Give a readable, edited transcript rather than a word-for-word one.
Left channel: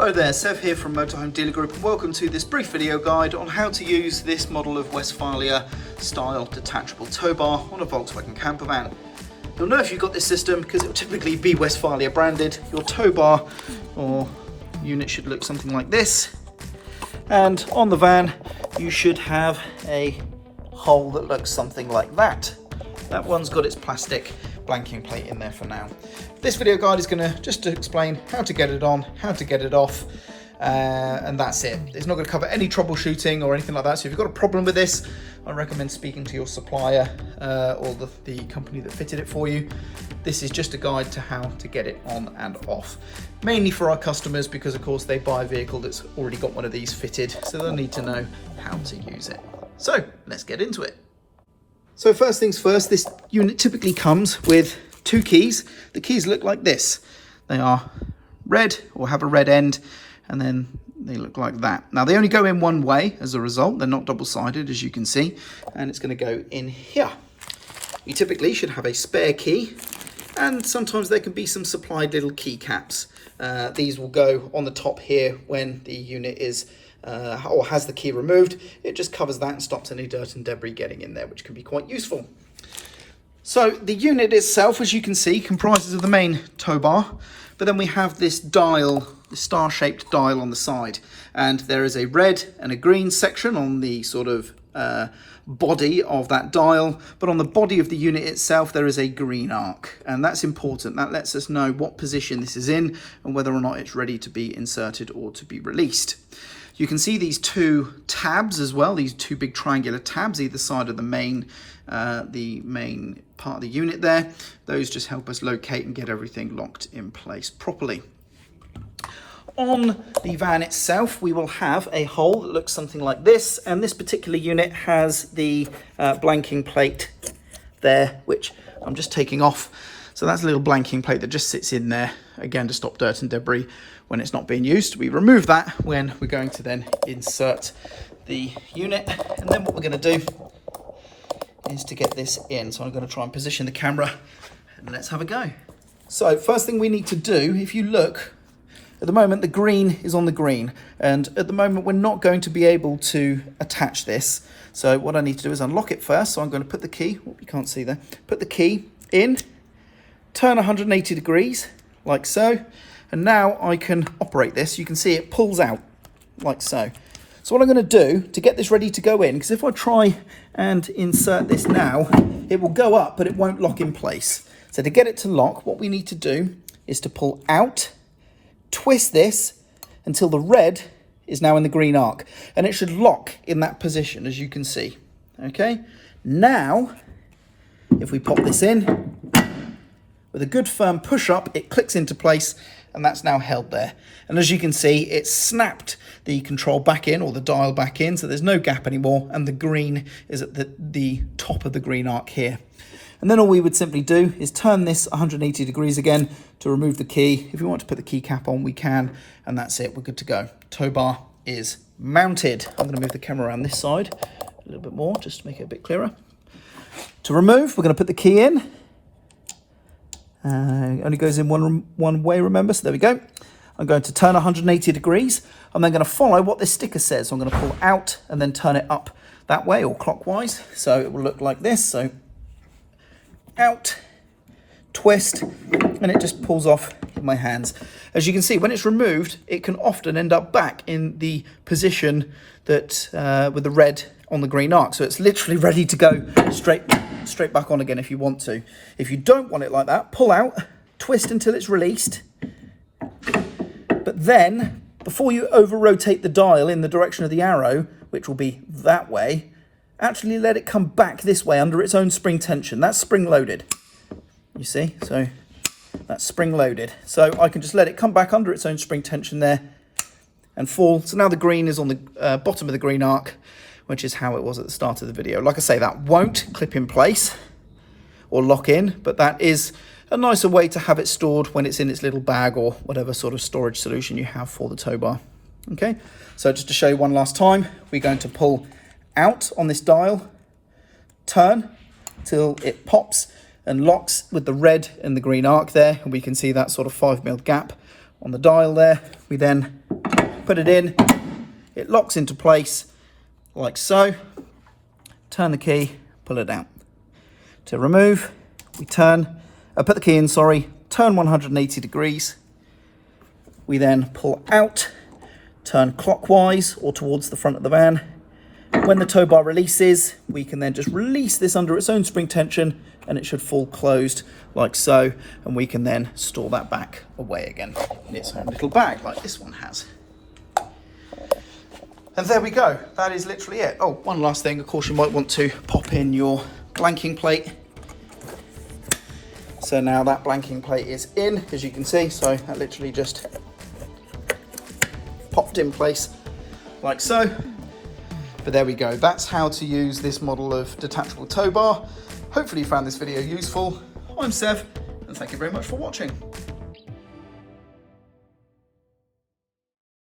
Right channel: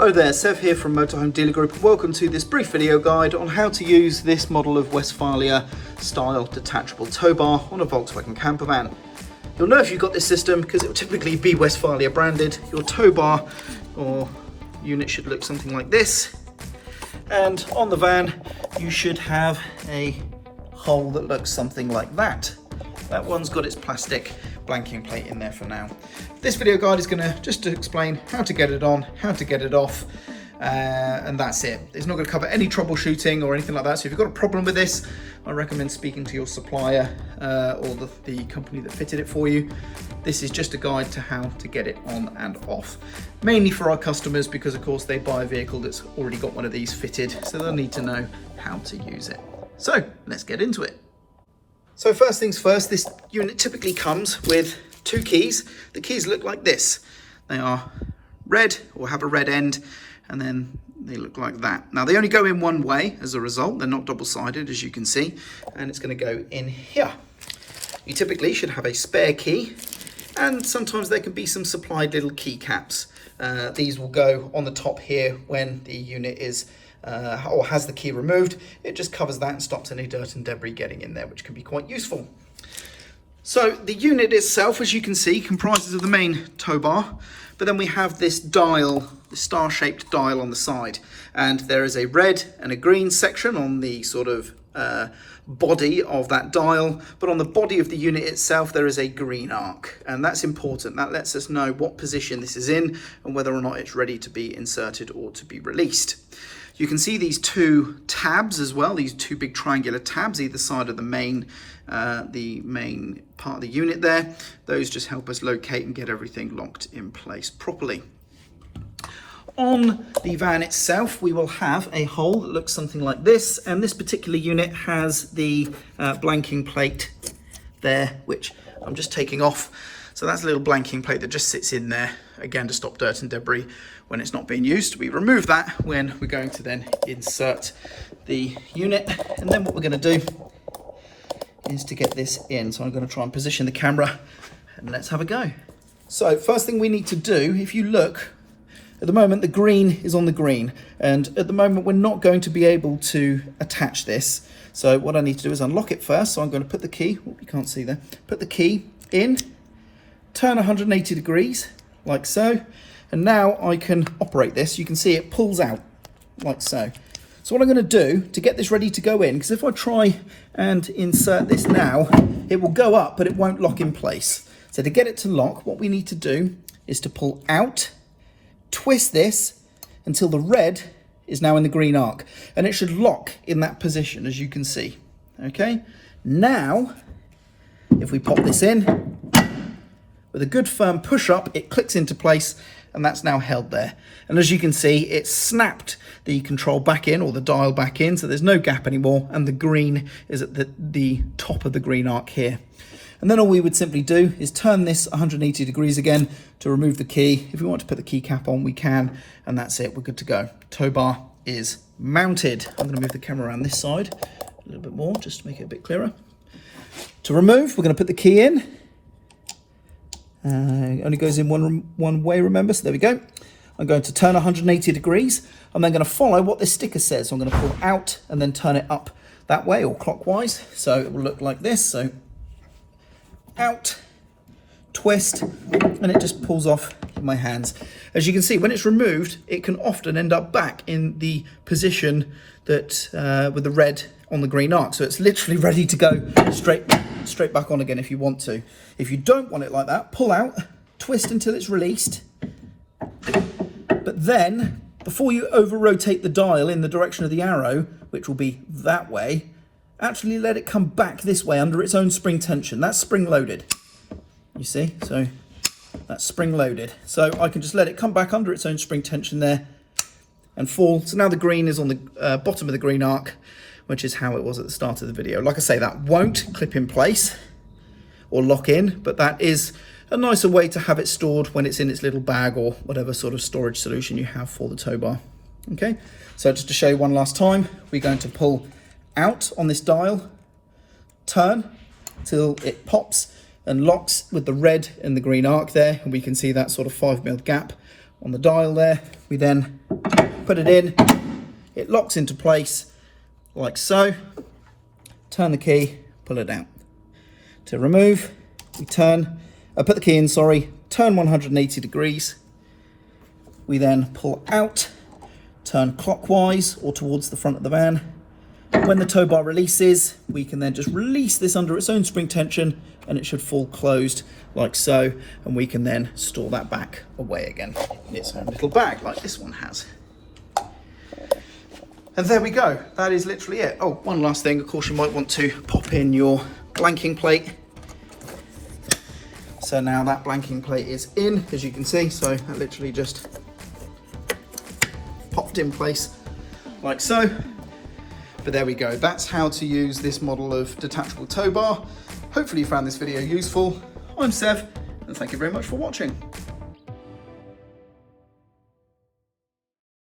Hello there, Sev here from Motorhome Dealer Group and welcome to this brief video guide on how to use this model of Westfalia style detachable tow bar on a Volkswagen camper van. You'll know if you've got this system because it will typically be Westfalia branded. Your tow bar or unit should look something like this, and on the van you should have a hole that looks something like that. That one's got its plastic blanking plate in there for now. This video guide is going to just explain how to get it on, how to get it off, and that's it. It's not going to cover any troubleshooting or anything like that. So if you've got a problem with this, I recommend speaking to your supplier or the company that fitted it for you. This is just a guide to how to get it on and off. Mainly for our customers because of course they buy a vehicle that's already got one of these fitted, so they'll need to know how to use it. So let's get into it. So first things first, this unit typically comes with two keys. The keys look like this. They are red or have a red end, and then they look like that. Now they only go in one way as a result. They're not double-sided, as you can see, and it's going to go in here. You typically should have a spare key, and sometimes there can be some supplied little key caps. These will go on the top here when the unit is or has the key removed. It just covers that and stops any dirt and debris getting in there, which can be quite useful. So the unit itself, as you can see, comprises of the main tow bar, but then we have this dial, the star-shaped dial on the side, and there is a red and a green section on the sort of body of that dial, but on the body of the unit itself there is a green arc, and that's important. That lets us know what position this is in and whether or not it's ready to be inserted or to be released. You can see these two tabs as well, these two big triangular tabs either side of the main part of the unit there. Those just help us locate and get everything locked in place properly. On the van itself, we will have a hole that looks something like this, and this particular unit has the blanking plate there, which I'm just taking off. So that's a little blanking plate that just sits in there, again, to stop dirt and debris when it's not being used. We remove that when we're going to then insert the unit, and then what we're going to do is to get this in. So I'm going to try and position the camera, and let's have a go. So first thing we need to do, if you look, at the moment the green is on the green, and at the moment we're not going to be able to attach this. So what I need to do is unlock it first. So I'm going to put the key, oh, you can't see there, put the key in, turn 180 degrees like so, and now I can operate this. You can see it pulls out like so. So what I'm going to do to get this ready to go in, because if I try and insert this now, it will go up, but it won't lock in place. So to get it to lock, what we need to do is to pull out, twist this until the red is now in the green arc, and it should lock in that position, as you can see. Okay, now if we pop this in with a good firm push up, it clicks into place, and that's now held there. And as you can see, it's snapped the control back in, or the dial back in, so there's no gap anymore, and the green is at the top of the green arc here. And then all we would simply do is turn this 180 degrees again to remove the key. If we want to put the key cap on, we can, and that's it, we're good to go. Tow bar is mounted. I'm going to move the camera around this side a little bit more, just to make it a bit clearer. To remove, we're going to put the key in. It only goes in one way, remember, so there we go. I'm going to turn 180 degrees. I'm then going to follow what this sticker says. So I'm going to pull out and then turn it up that way, or clockwise. So it will look like this. So out, twist, and it just pulls off in my hands. As you can see, when it's removed, it can often end up back in the position that with the red on the green arc. So it's literally ready to go straight back on again if you want to. If you don't want it like that, pull out, twist until it's released. But then, before you over-rotate the dial in the direction of the arrow, which will be that way, actually let it come back this way under its own spring tension. That's spring-loaded, you see? So that's spring-loaded. So I can just let it come back under its own spring tension there and fall. So now the green is on the bottom of the green arc, which is how it was at the start of the video. Like I say, that won't clip in place or lock in, but that is a nicer way to have it stored when it's in its little bag or whatever sort of storage solution you have for the tow bar. Okay, so just to show you one last time, we're going to pull out on this dial, turn till it pops and locks with the red and the green arc there, and we can see that sort of 5mm gap on the dial there. We then put it in, it locks into place like so. Turn the key, pull it out. To remove, we put the key in, turn 180 degrees. We then pull out, turn clockwise or towards the front of the van. When the tow bar releases, we can then just release this under its own spring tension and it should fall closed like so, and we can then store that back away again in its own little bag like this one has. And there we go, that is literally it. Oh, one last thing, of course you might want to pop in your blanking plate. So now that blanking plate is in, as you can see, so that literally just popped in place like so. But there we go, that's how to use this model of detachable tow bar. Hopefully you found this video useful. I'm Sev, and thank you very much for watching.